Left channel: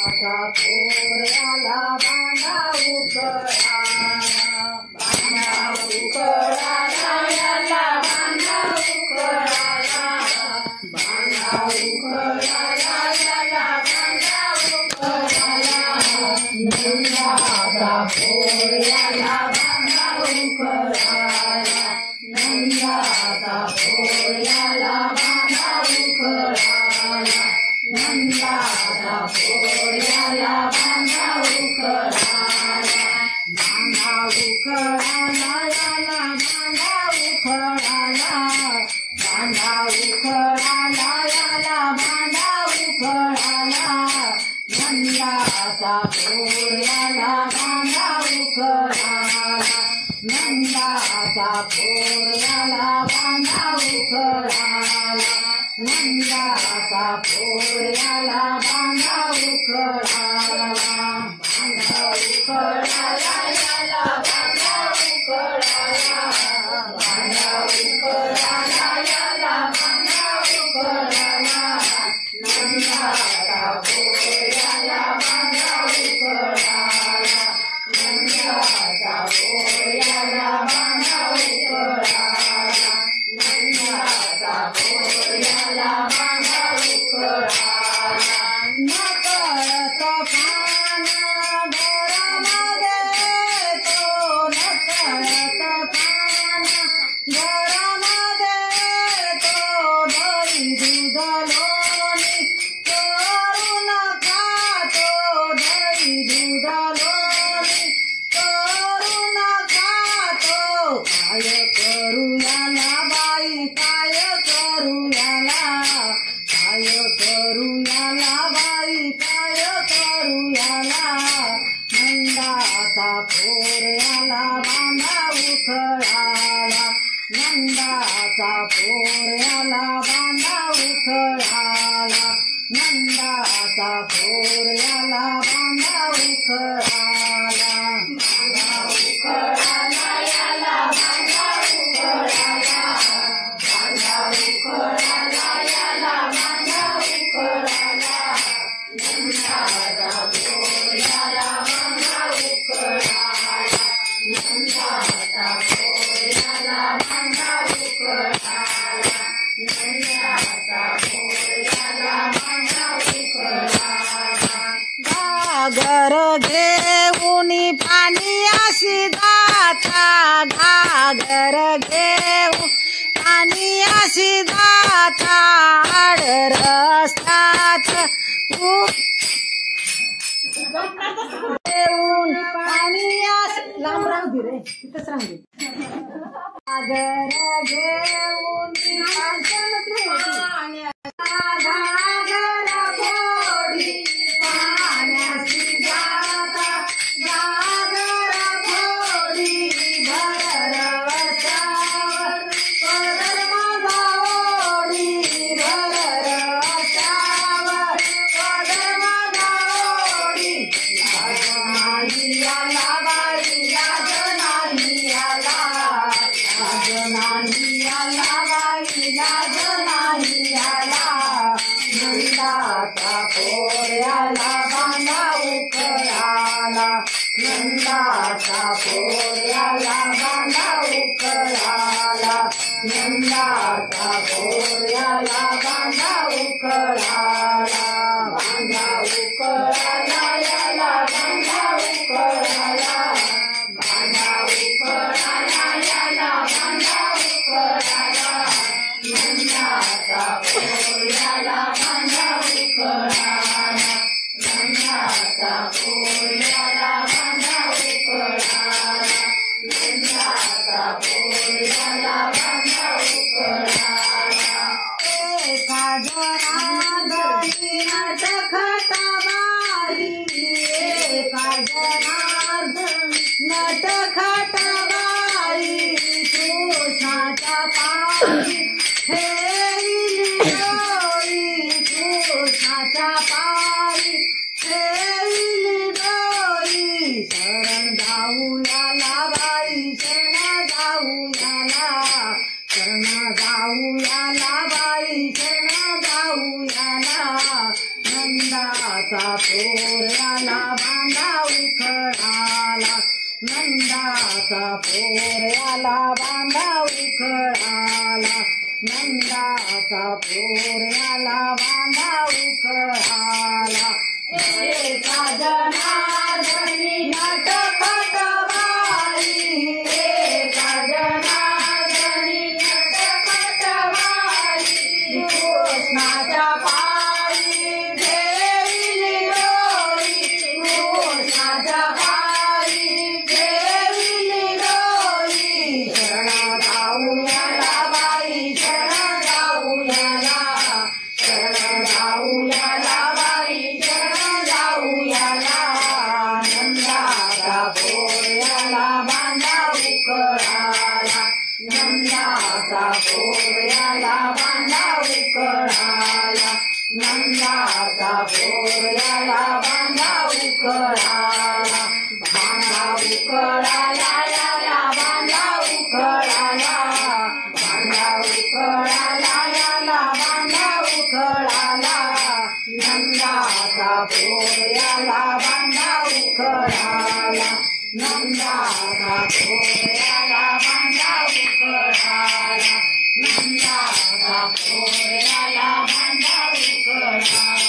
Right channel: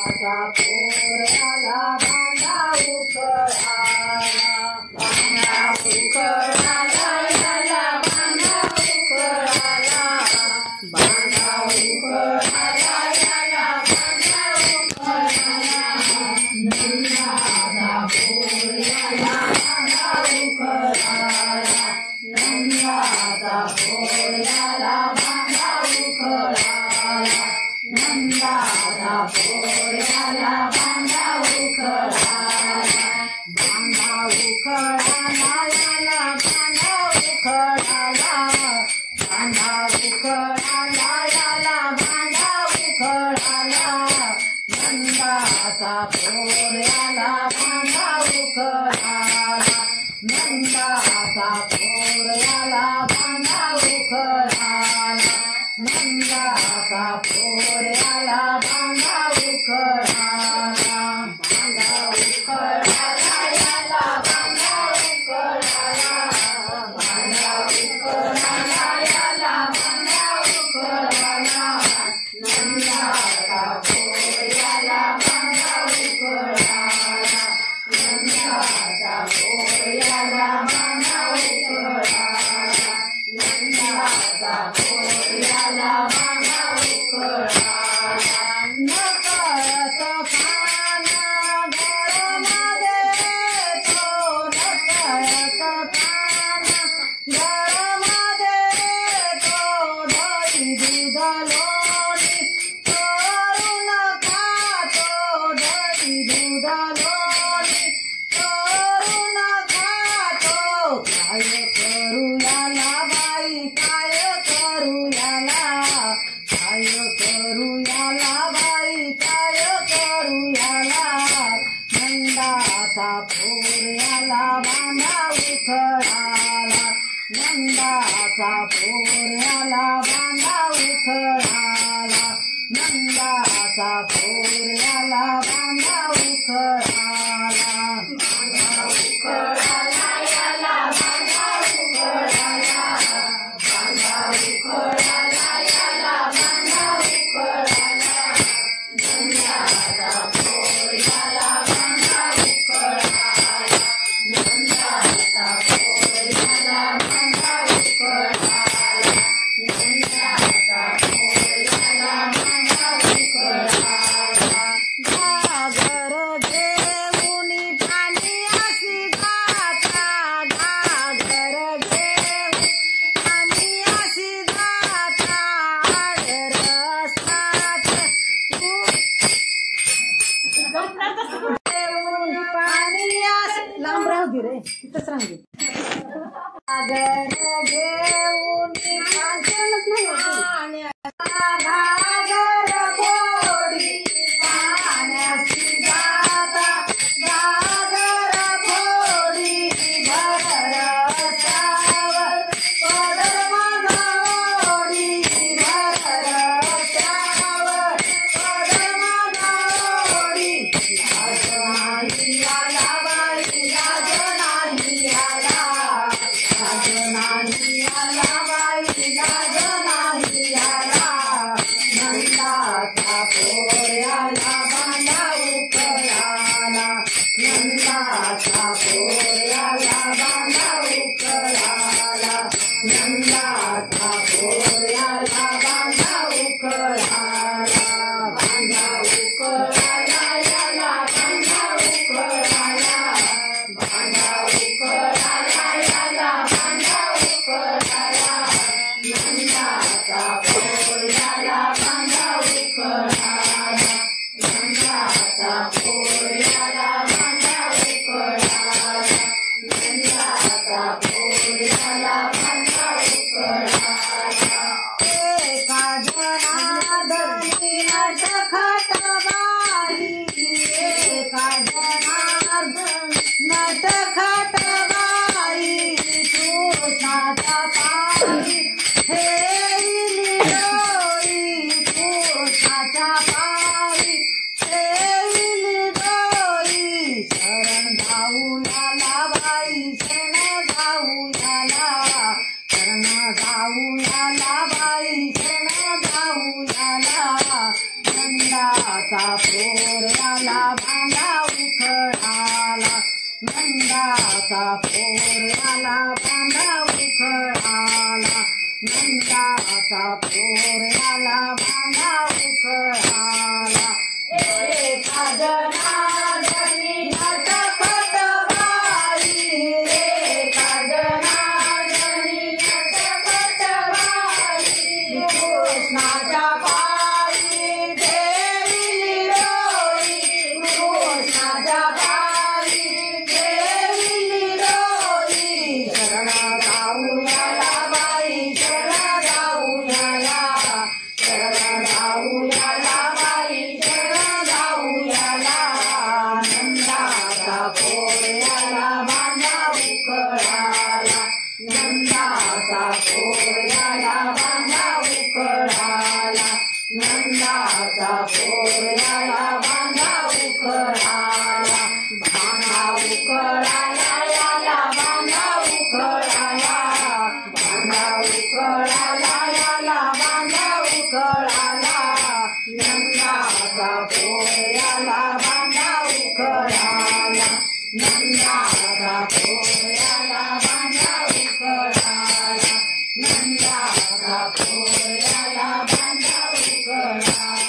नंदाचा पोऱ्याला बांधा उकळाला, बांधा उकळाला याला बांधा उकळाला, बांधा उकळाला याला बांधा उकळाला, नंदाचा पोऱ्याला बांधा उकळाला, नंदाचा पोऱ्याला बांधा उकळाला, नंदाचा पोऱ्याला बांधा उकळाला, बांधा उकळाला याला बांधा उकळाला, बांधा उकळाला याला बांधा उकळाला, नंदाचा पोऱ्याला बांधा उकळाला, नंदाचा पोऱ्याला बांधा उकळाला, नंदाचा पोऱ्याला बांधा उकळाला, बांधा उकळाला याला बांधा उकळाला, बांधा उकळाला याला बांधा उकळाला, नंदाचा पोऱ्याला बांधा उकळाला, नंदाचा पोऱ्याला बांधा उकळाला, नंदाचा पोऱ्याला बांधा उकळाला, नकळत पान घरामध्ये तो, नकळत पान घरामध्ये तो, दही दूध लोणी करून खातो, दही दूध लोणी करून खातो, काय करू याला बाई काय करू याला, काय करू याला बाई काय करू याला, नंदाचा पोऱ्याला बांधा उकळाला, नंदाचा पोऱ्याला बांधा उकळाला, नंदाचा पोऱ्याला बांधा उकळाला, बांधा उकळाला याला बांधा उकळाला, बांधा उकळाला याला बांधा उकळाला, नंदाचा पोऱ्याला बांधा उकळाला, नंदाचा पोऱ्याला बांधा उकळाला, नंदाचा पोऱ्याला बांधा उकळाला, घागर घेऊन पाणी अशी जाता, घागर घेऊन पाणी अशी जाता, आड रस्त्यात घेऊन पाणी अशी लांब राहू दे रे, इथंच राहू दे, घागर घेऊन पाण्यास नाही घागर फोडी पाण्याशी जाता, घागर फोडी भर रस्त्यावर पदर माझा ओढी, भर रस्त्यावर पदर माझा ओढी, लाज नाही आला बाई लाज नाही आला, लाज नाही आला बाई लाज नाही आला, नंदाचा पोऱ्याला बांधा उकळाला, नंदाचा पोऱ्याला बांधा उकळाला, नंदाचा पोऱ्याला बांधा उकळाला, बांधा उकळाला याला बांधा उकळाला, बांधा उकळाला याला बांधा उकळाला, नंदाचा पोऱ्याला बांधा उकळाला, नंदाचा पोऱ्याला बांधा उकळाला, नंदाचा पोऱ्याला बांधा उखळाला नंदाचा पोऱ्याला बांधा उखळाला नंदाचा पोऱ्याला बांधा उखळाला एका जनार्दनी नटखट बाई एका जनार्दनी नटखट बाई कृष्णाच्या पायी ठेविली डोरी कृष्णाच्या पायी ठेविली डोरी शरण जाऊयाला बाई शरण जाऊयाला शरण जाऊयाला बाई शरण जाऊयाला नंदाचा पोऱ्याला बांधा उखळाला नंदाचा पोऱ्याला बांधा उखळाला नंदाचा पोऱ्याला बांधा उखळाला बांधा उखळाला याला बांधा उखळाला बांधा उखळाला याला बांधा उखळाला नंदाचा पोऱ्याला बांधा उखळाला नंदाचा पोऱ्याला बांधा उखळाला नंदाचा पोऱ्याला बांधा उखळाला